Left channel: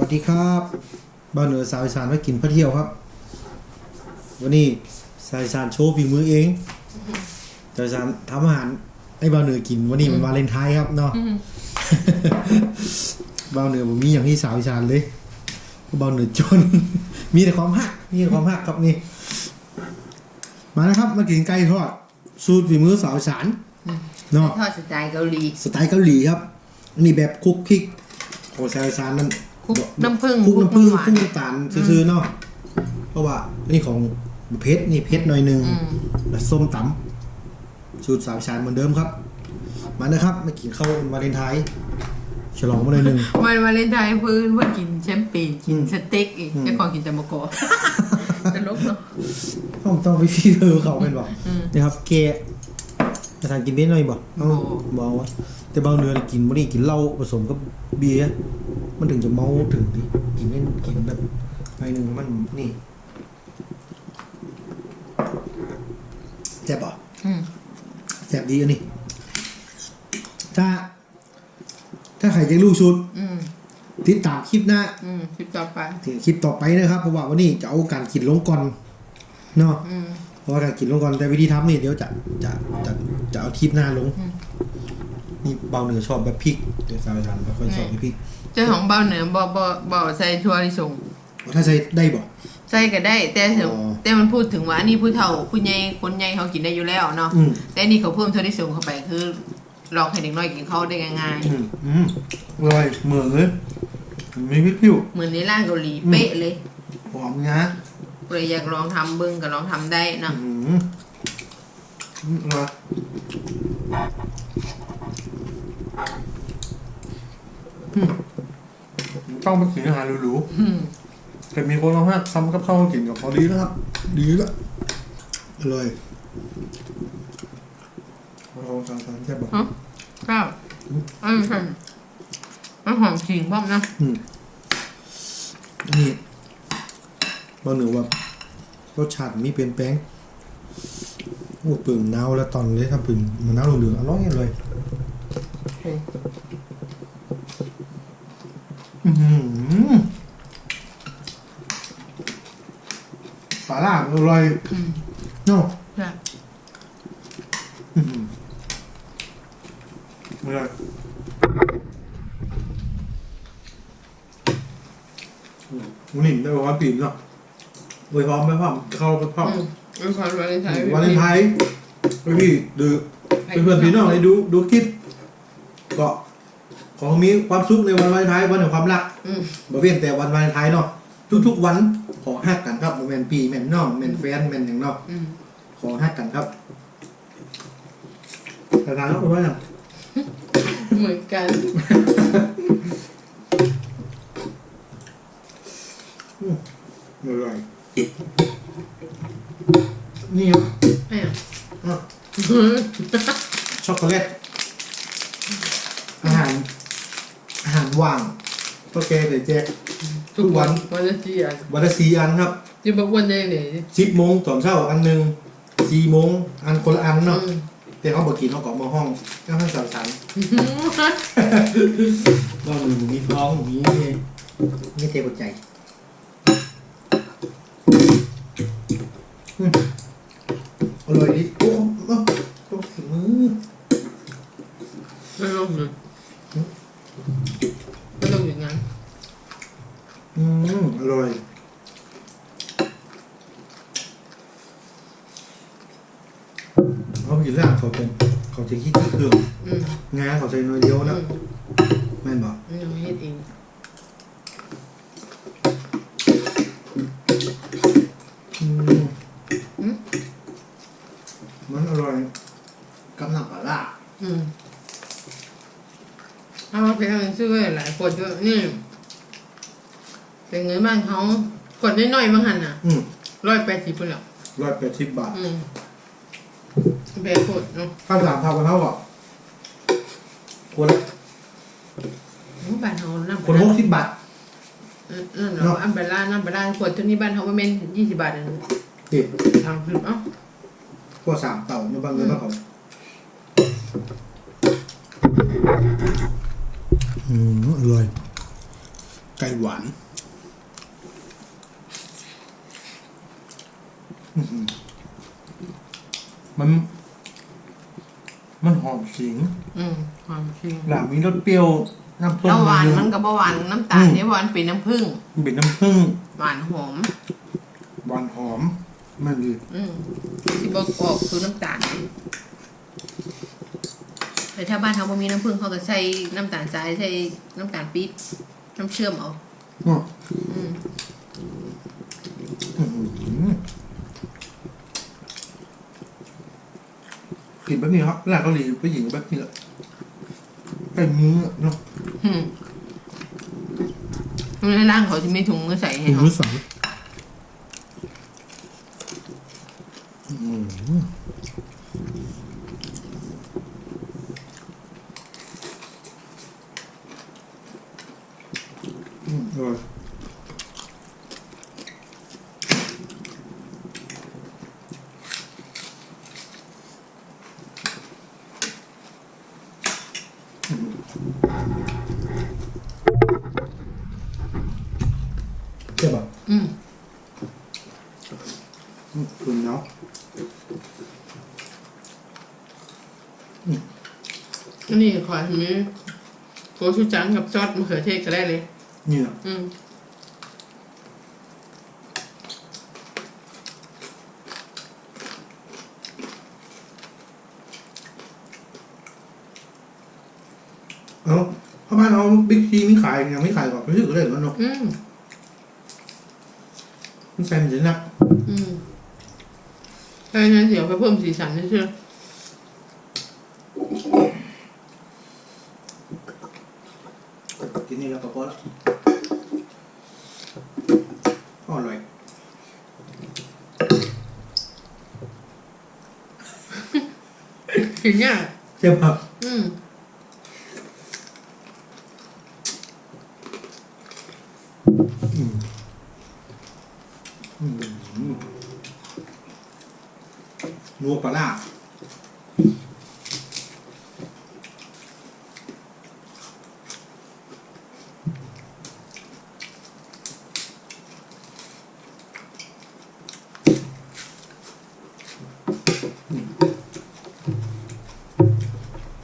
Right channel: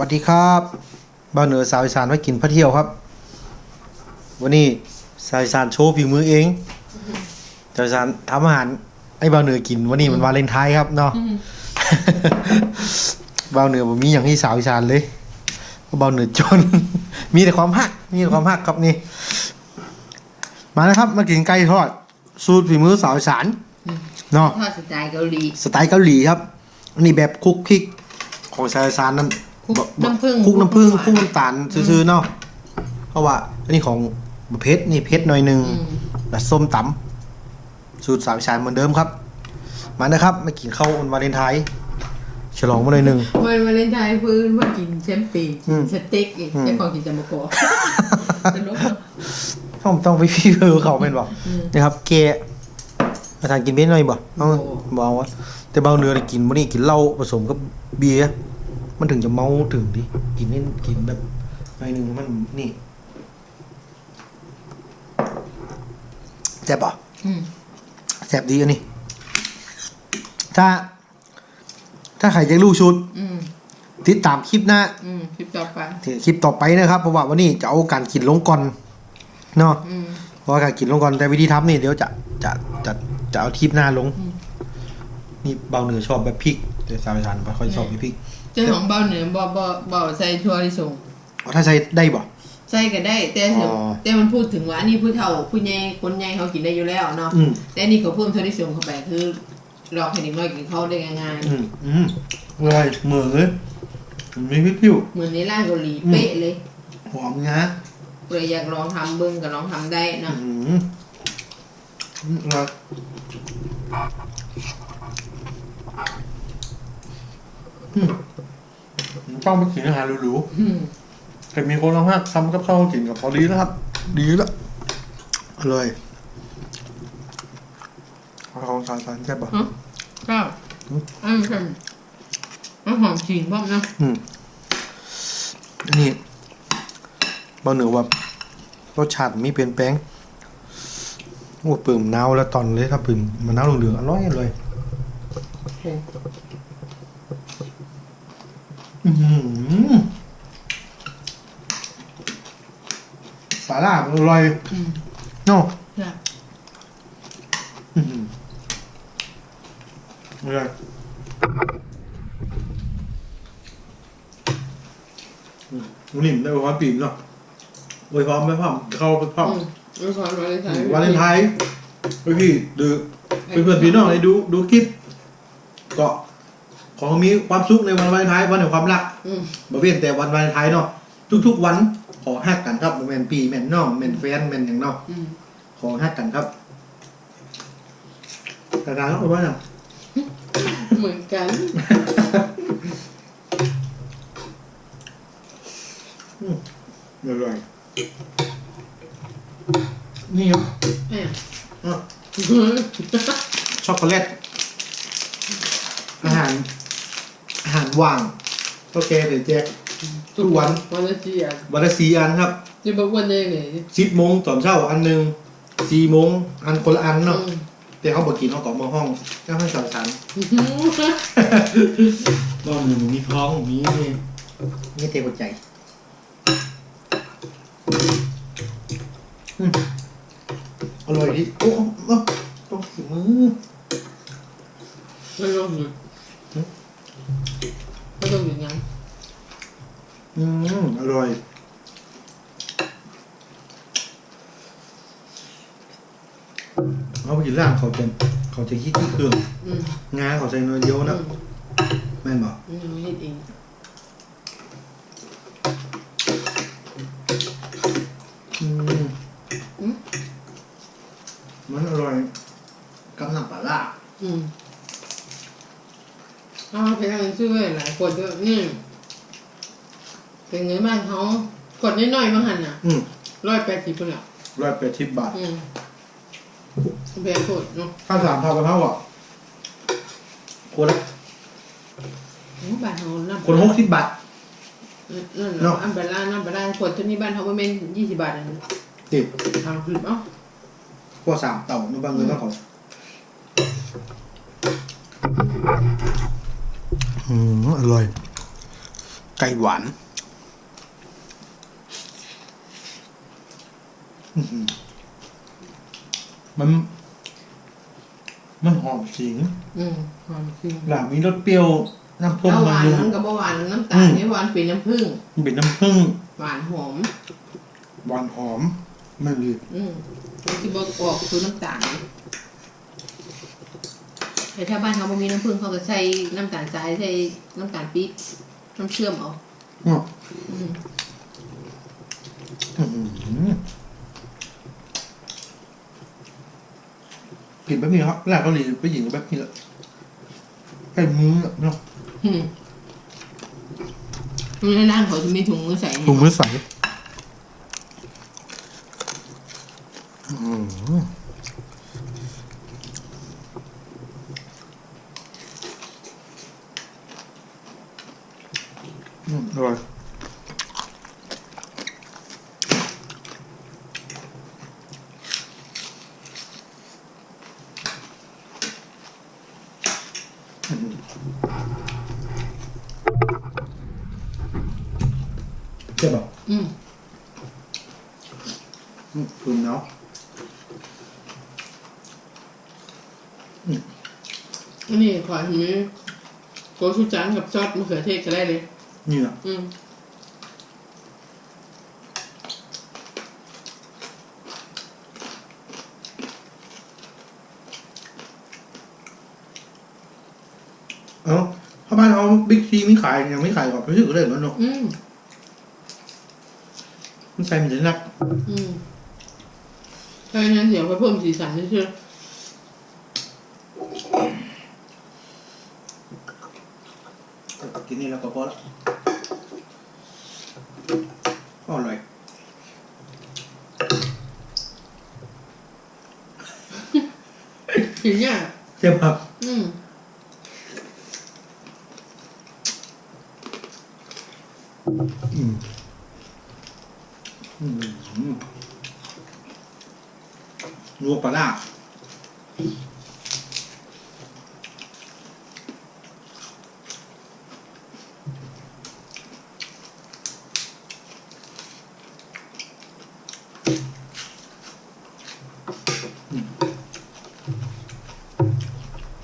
วัสดีครับบ้านเหนือสาวอีสานไว้กินพระเที่ยวครับ วันนี้สาวอีสานโชว์ฝีมือเองสาวอีสานทำอาหารให้บ้านเหนือกินวันนี้มันวาเลนไทน์ครับเนาะบ้านเหนือผมมีอย่างที่สาวอีสานเลยบ้านเหนือจน มีแต่ความฮัก มีแต่ความฮักครับนี่ มาแล้วครับ มากินไก่ทอด สูตรฝีมือสาวอีสานเนาะทอดสไตล์เกาหลี สไตล์เกาหลีครับอันนี้แบบคลุกคลิกของสายซานนั่น คลุกแบบน้ำผึ้งคลุกน้ำผึ้งคคลุลุกกน้ำหวานน้ำตาลซื่อๆเนาะเพราะว่าอันนี้ของเพชรนี่เพชรหน่อยหนึ่งอืมแล้วส้มตำสูตรสามชานเหมือนเดิมครับ มานะครับมากินข้าววันวาเลนไทน์ฉลองมาหน่อยหนึ่งวันวาเลนไทน์เพื่อนว่ากินแชมเปญอืกินมสเต็กอีกอืมแค่ของกินแต่มะกอกตลกเนาะต้องต้องไปพี่เออเขาเป็นบ่อืมนะครับเกะมาทานกินเบ้นหน่อยบ่เอาโอ้บ่เอาวะแต่เบาเนื้อนี่กินวันนี้กินเหล้าผสมกับเบียร์ มันถึงจะเมาถึงดิกินเล่นกินแบบหน่อยหนึ่งมันนี่แซ่บป่ะอืมแซ่บดีอันนี้ถ้า ถ้าใครจะรู้ชุด อืมติดตามคลิปหน้าอืมคลิปต่อไปคลิปต่อไปนะครับเพราะว่าวันนี้จะเอาการกินลงก่อนเนาะอืมเพราะว่าการกินลงก่อนแต่วิธีทำนี่เดี๋ยวจะจะจะจะเอาทิปหน้าลง อืม นี่เบาเหนือชอบแบบพริกแต่สาวอีสานไม่ค่อยชอบแบบพริก เจ้าของเบาเหนือบ่บ่บ่ใส่ถั่วลิสงเอาถ้าใส่ได้บ่ใส่ก็ได้ แต่ถึงอ๋อแต่มันพูดถึงว่าอันนี้ผู้เฒ่าผู้ใหญ่คนใหญ่เขากินได้อยู่แล้วเนาะอืม แต่อันนี่เขาเพิ่มถั่วลิสงเข้าไปคือหลอกให้เด็กน้อยกินเขาได้ง่ายอืมอืมอร่อยเหมือนเลยมีพริกผิว ๆเหมือนในร้านเกาหลีอืม เป๊ะเลยหอมนะเลยอยากลองทำเบิ้งก็ลองทำได้อืเนาะมอืมอร่อยอืม ต้องไปกินอาหารหรูอืมๆแต่มีคนเอามากทำกับข้าวกินกับพอดีแล้วครับ ดีแล้วอร่อยเอาของสารสารแซ่บบ่ฮะก็อืมอันนี้ใช่มันหอมจริงพ่อมนะอืมนี่เบาเหนือว่ารสชาติมีเปลี่ยนแปลงโอ้ปื่มมะนาวแล้วตอนเลยครับปื่มมะนาวเหลืองๆอร่อยเลยโอ้อื้อหือ ปลาล่าอร่อยอืมเนาะใช่อื้อหืออร่อยอืมวันนี้ได้ความปีนเนาะโวยพร้อมไหมพ่อมเข้าไปพ่อมอืมเป็นความวาเลนไทน์วาเลนไทน์ไปพี่ดู เพื่อนๆพี่น้องเลยดูดูคลิป ก็ ขอให้มีความสุขในวันวาเลนไทน์วันแห่งความรักอืมบ่เว้นแต่วันวาเลนไทน์เนาะทุกๆวันขอฮักกันครับบ่แม่นปีแม่นน้องแม่นแฟนแม่นหยังเนาะอืมขอฮักกันครับแต่การต้องรู้ว่าหยังเหมือนกันอร่อยนี่ครับเอ้ยอะช็อกโกแลตอาหาร อาหารว่าง ก็แกเลยแจกทุกวันวันละสี่อันวันละสี่อันครับจะบอกวันได้เลยสิบโมงตอนเช้าอันหนึ่งสี่โมงอันคนละอันเนาะอืมแต่เขาบอกกินเขาก็มาห้องก็ให้สาวสันก็หนึ่งมีท้องมีนี่นี่เตะหัวใจอืมอร่อยดิโอ้โอ้ต้องสีมือไม่ลงเลย ไม่ลงอย่างนั้นอืมอร่อย เอาไปกินร้านเขาจะเขาจะคิดที่เครื่องอืมงาเขาใส่น้อยเดียวอืนะมแม่นบอกอืมเฮ็ดเอง อืม อืม มันอร่อยกับน้ำปลาร้า อืมเอาไปทางซื้อไว้ห ลายคนเยอะนี่เป็นไงบ้านเขากดน้อยๆบางหันน่ะอืมร้อยแปดสิบคนหรอร้อยแปดสิบบาทอืมแพงโคตรเนาะข้าวสามเท่ากันเท่าอะคนละโอ้บ้านเขาน้ำคนหกสิบบาทเออนั่นเนาะเนาะอันเบลล่าน้ำเบลล่าขวดเท่านี้บ้านเขาประมาณยี่สิบบาทเองนี่ทางคือเอ้ากว่าสามเต่าในบางเงินบางเขา อืมอร่อย ไก่หวานอื้อหือมัน มันหอมขิงอืมความจริงหลามีรสเปรี้ยวน้ำส้มเอาหวานนึงมันกับหวานน้ำตาลนี่หวานเป็นน้ำผึ้งมันเป็นน้ำผึ้งหวานหอม หวานหอม มันเลยอืมที่บอกออกคือน้ำตาล แต่ถ้าบ้านเขาบ่มีน้ำผึ้งเขาก็ใช้น้ำตาลทรายใช้น้ำตาลปี๊บน้ำเชื่อมเอาอ้ออืมอื้อหือกินแบบนี้ครับแรกเกาหลีไปหญิงแบบนี้แหละใส่มืออะเนาะอืมในร่างเขาจะมีถุงมือใส่ให้ถุงเขามือใสอื้อหืออืมอร่อยอื้อหือใช่ป่ะ อืม อืมคุณเนาะ อั นนี้ขอให้มีโกชูจังกับซอสมะเขือเทศก็ได้เลยนี่แหละอืมเอ้าถ้าบ้านเอาบิ๊กซีไม่ขายยังไม่ขายก่อนไปซื้อก็ได้แล้วเนาะอืมมันใส่มันจะนัก อืมถ้าอย่างนั้นเดี๋ยวไปเพิ่มสีสันเชื่อจะตั กกินนี่แล้วก็พอละก็อร่อยเห็นเนี่ยใช่ป่ะอืมอืมอืมนัวปลาร้า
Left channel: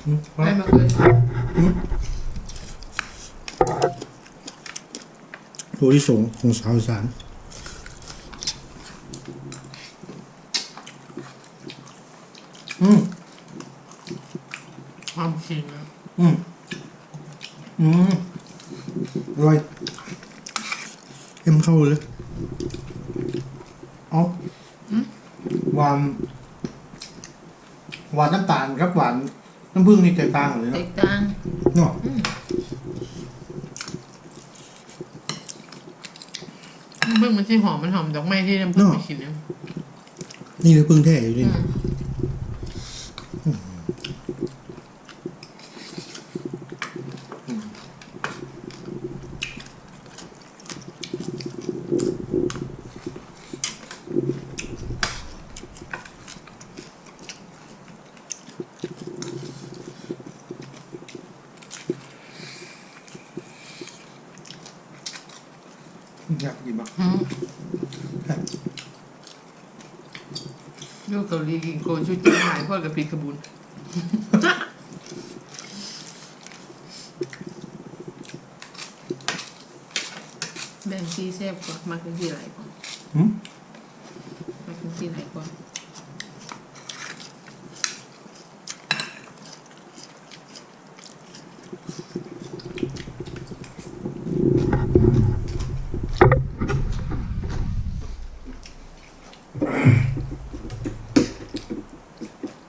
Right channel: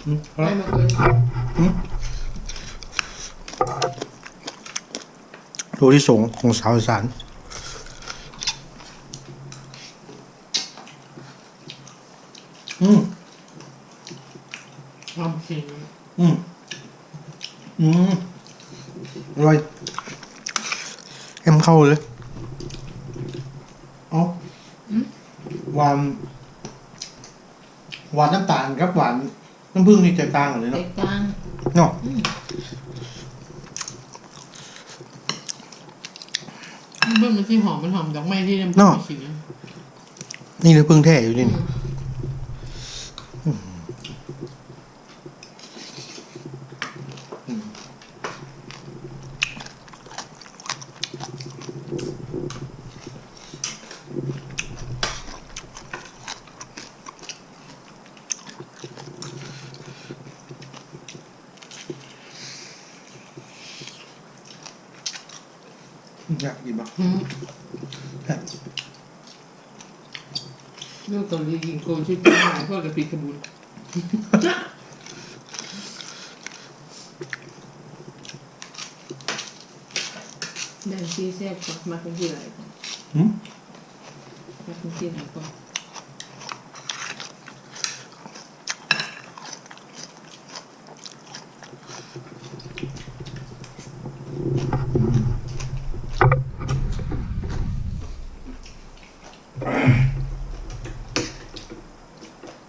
ได้มาเคยตัวที่สองของสาวอีสานอืมความจริงอืมอืมอร่อยเอ็มเข้าเลยเอาหวาน หวานน้ำตาลกับหวาน น้ำผึ้งนี่แตกต่างกันเลยแตเนาะกต่างเนาะอืมเบื้องมันที่หอมมันหอมดอกไม้ที่น้ำผึ้งไปกินเนี่ยนี่น้ำผึ้งแท้อยู่อืนี่ม อยากกินปะอืมแซ่บลูกเกาหลีกินโกนชุดจ้าหายพ่อกับพีกระบุนแบ่งซีแซ่บกว่ามากินที่ไหนก่อนหืม มากินที่ไหนก่อ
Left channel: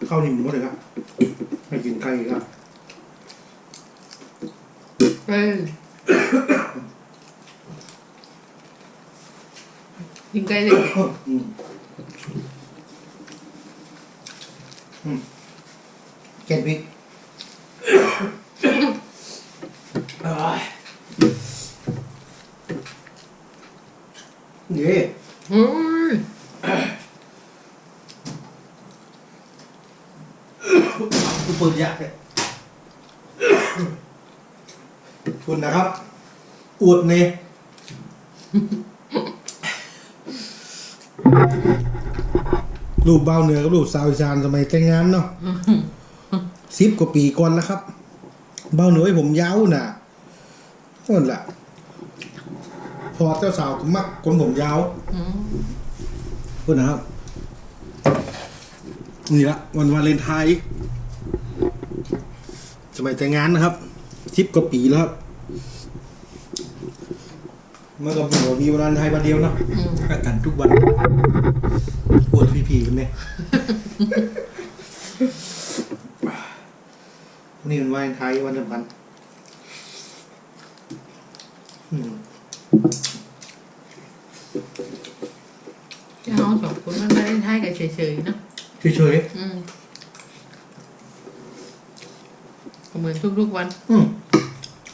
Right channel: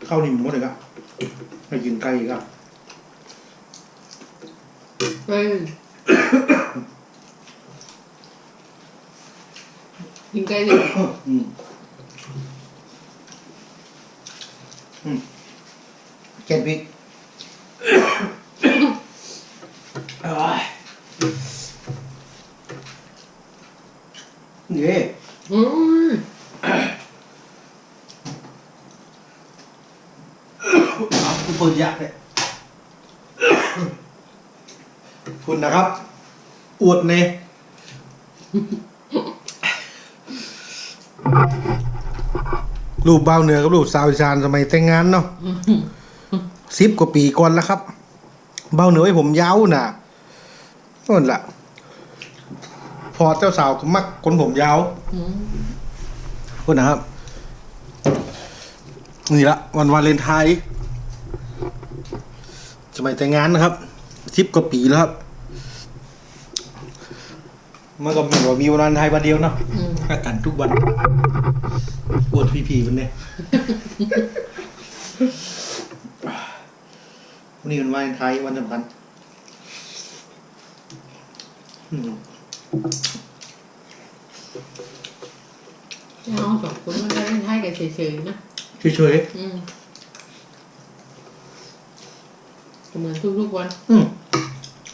นข้าวนี่หมดเลยครับให้กินไก่อีกอะเอ้ยกินไก่เลยอืมอืมเจ็ดวิเอ้ยเย่ โอ้ย คุณเปิดยากเลยคุณ นะครับ อวดเนรูปเบาเหนือกับรูปสาวอีสานสมัยแต่งงานเนาะสิบกว่าปีก่อนแล้วครับ เบาเหนือให้ผมยาวน่ะนั่นแหละพอเจ้าสาวก็มักคนผมยาวพูดนะครับ นี่ละวันวาเลนไทน์สมัยแต่งงานนะครับสิบกว่าปีแล้วครับ มันก็เหมือนว่ามีวันวาเลนไทน์วันเดียวเนาะอืมหักกันทุกวันปวดพีพีวันนี้วันนี้วันวาเลนไทน์วันสำคัญอืมที่เขาสองคนมันไม่ได้ให้กันเฉยๆเนอะเฉยอืมก็เหมือนทุกๆวันๆอืม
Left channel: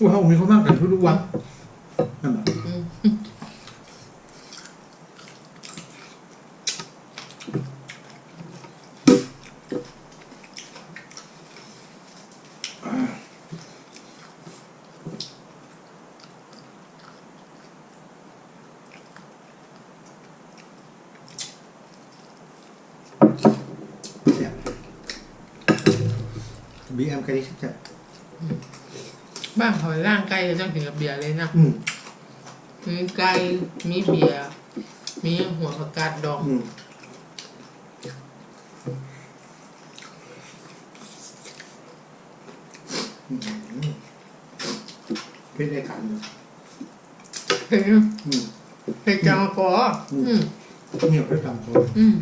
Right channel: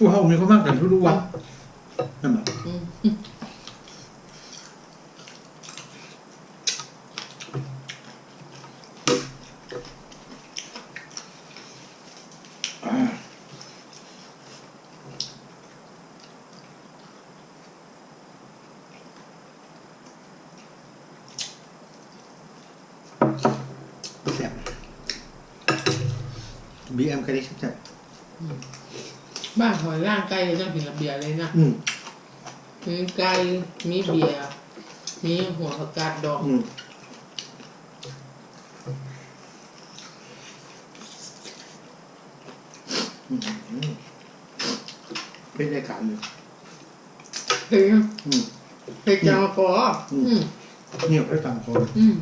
ว่าเขามีความมากกันทุกๆวัน นั่นแบบอืมแซ่บบีเอ็มคดีแซ่บบ้ มมีไก่มีเบียร์มีหัวผักกาดดองอืมอืมเป็นรายการอยู่เฮ้ยอืมเฮ้ยจังกออืมเงียบให้ตามคออืม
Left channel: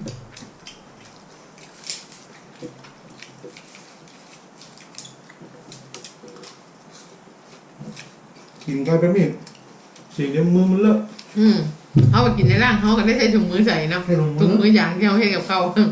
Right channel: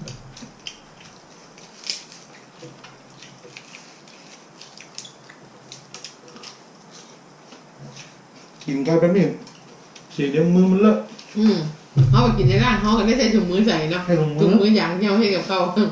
กินไก่แป๊บนึ งเสียงเดี๋ยวมือมันเลอะ อืมเขาไปกินในร่างเขาก็ได้ใช้ถุงมือใส่เนาะให้ถุงมือ ถุงมืออย่างที่เขาให้กับเขา อืม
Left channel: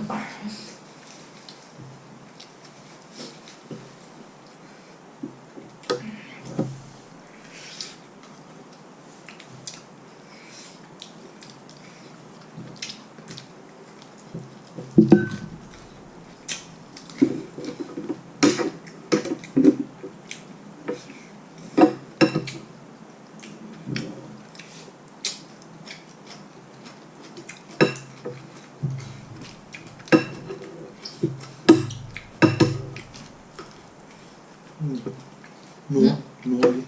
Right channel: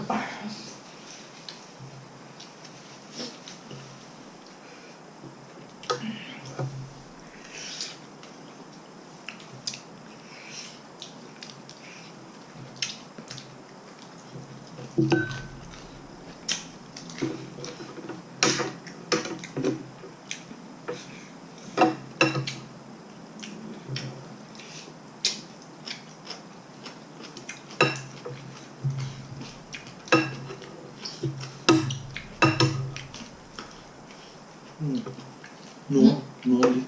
หนูหนูดิ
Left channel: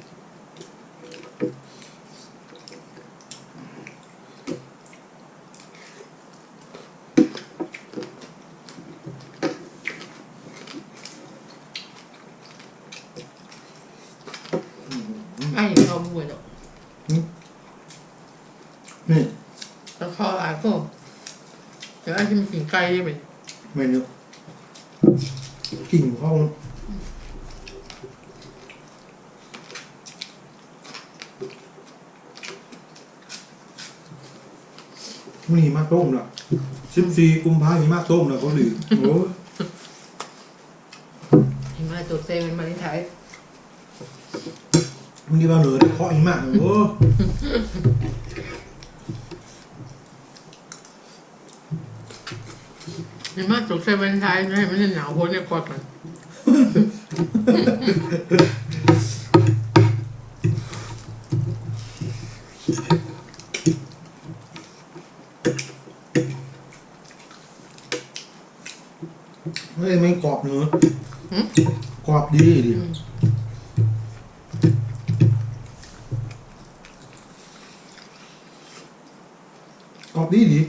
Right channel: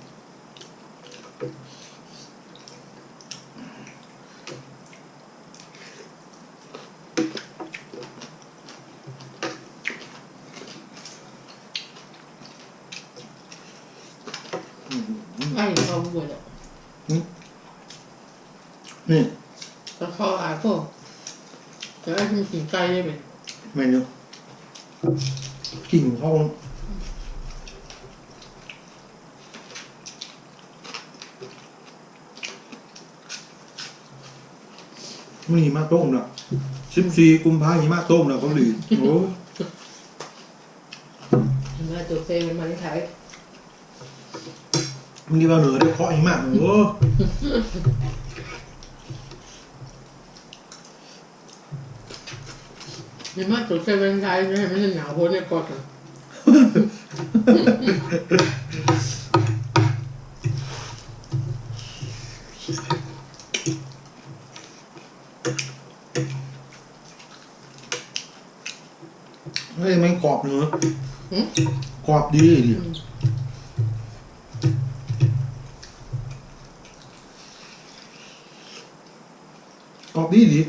ไอ้เขาบวชหรอกนี่แล้วเขาอาพวกแต่ไอ้ที่มันกินไก่ได้ไหมเมนูกิ่งเข้ามันหิมะต้มนะสิบสี่กุมภาหิมะต้มนะเกาหลีโอ้ยเห็นไหมาตัวเซเป็นมาที่ไทย มันดีว่าเหนือได้เคาะหิมะโอ้ยเห็นไหมาตัวเซเป็นไทยไม่ให้มันหนาวพ้นเนี่ยกอดกันเฮ้ยมันกรอบเนื้อหืมกรอบดีดิ กรอบดีดิ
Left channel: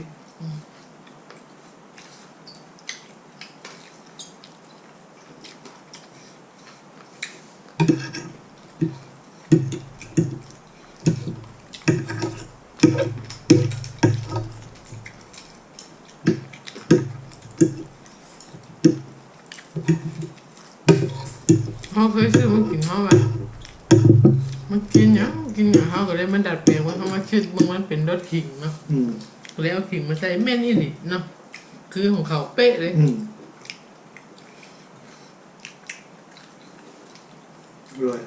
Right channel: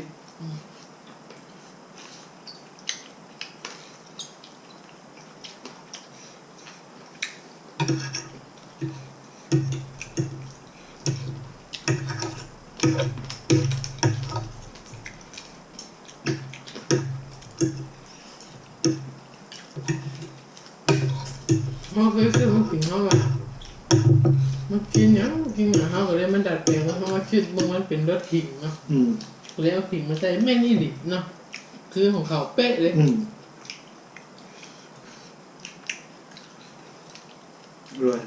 เขาเคยซื้อมันกินเขาแบบมันกินหยังกินอย่างเขาก็เลยมันดัดแปลงว่าเขามาชื่อบางมันเป็นรสขิงเนาะ อืม เลยเอาขิงมาใส่แม่นอี่นิเนาะคือของเขาเป๊ะเลย อืมอร่อย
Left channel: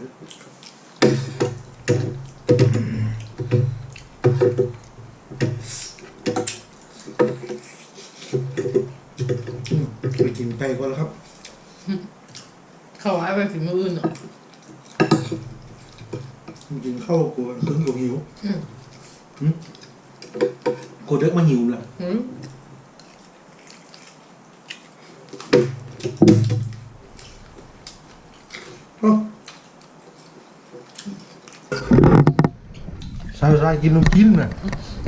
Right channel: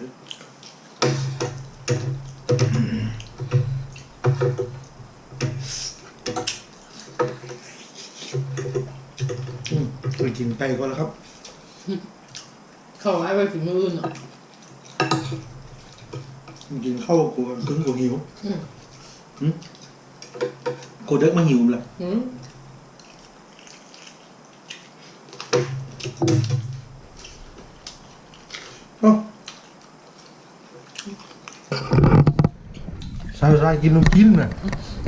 อืมไปกินไก่ก่อนแล้วครับ เขาให้ไปถึงมืออื่นเนาะกินข้าวกูขึ้นกูหิว อืมกูเด็กมาหิวละอืมเอ้าใส่ใส่กินลูกกินน่ะ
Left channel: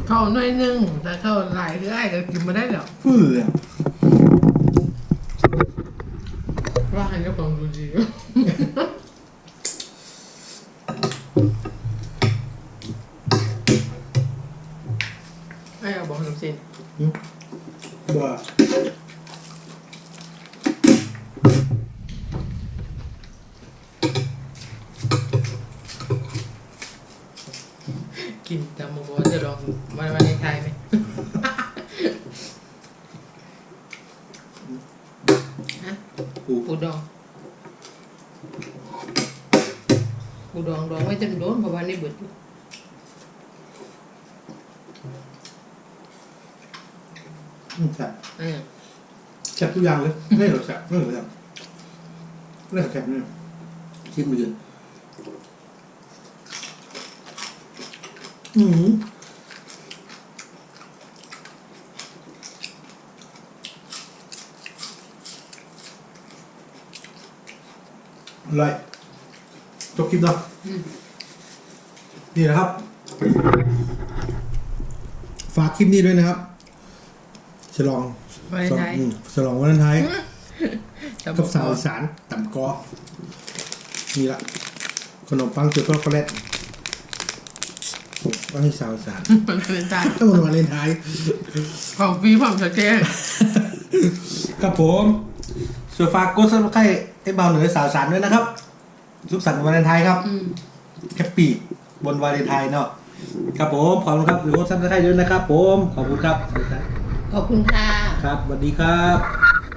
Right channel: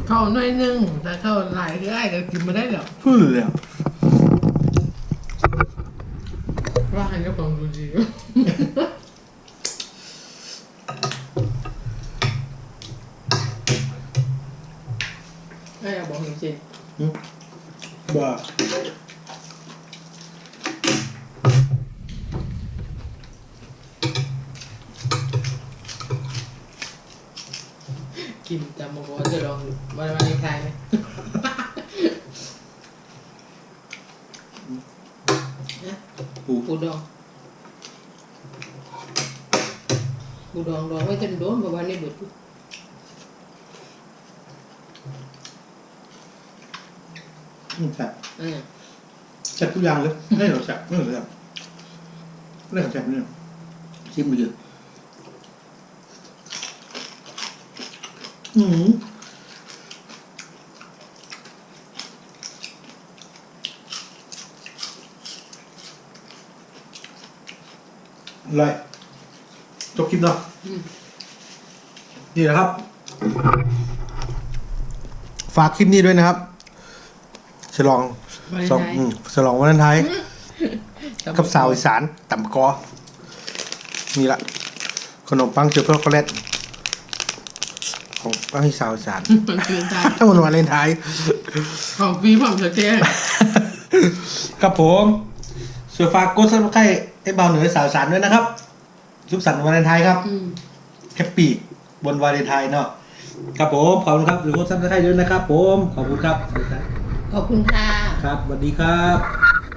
เข้าหน่อยหนึงแต่เข้าหลายคือไอ้ก็กินมาได้แล้วฟื้นเลยอะว่าให้เจ้าของดูดี ไอ้เอาบอกจริงหึบ้าๆกินแต่โมโหจะลองวันวันในใครไหมฮะปูปูดองปูดองดองไว้จนโดนเพราะว่านี่เบิดอยู่ อืม แซ่บอ่าแซ่บทุกอย่างเลยไม่หรอกแซ่บไม่หรอกแซ่บไม่หรอกแซ่บเนี่ยชิมไปเยอะอืมอร่อยจบคลิปเนาะอืมนี่นะครับ ฝากคลิปนี้ด้วยนะครับ ฉลองวันสองไทยอืมฉลองวันไทายจำกับสาวอีสานต่ำกอนี่ละขนมปังเจือช็อกโกแลตของปังที่สาวอีสานมันเป็นใจถ้าวันวาเลนไทน์ของปีผมจะแก้กับผมส่วนฝากกดซับสไครต์ไอ้เบาเหนือสาวอีสานด้วยนะครับสุขสันต์วันวาเลนไทน์ครับอืมแฮปปี้บนวาเลนไทน์เนาะครับผมขอบคุณครับหรือกดซับสไครต์ด้วยนะครับผมขอบคุณครับ ขอบคุณค่ะ ครับสวัสดีครับ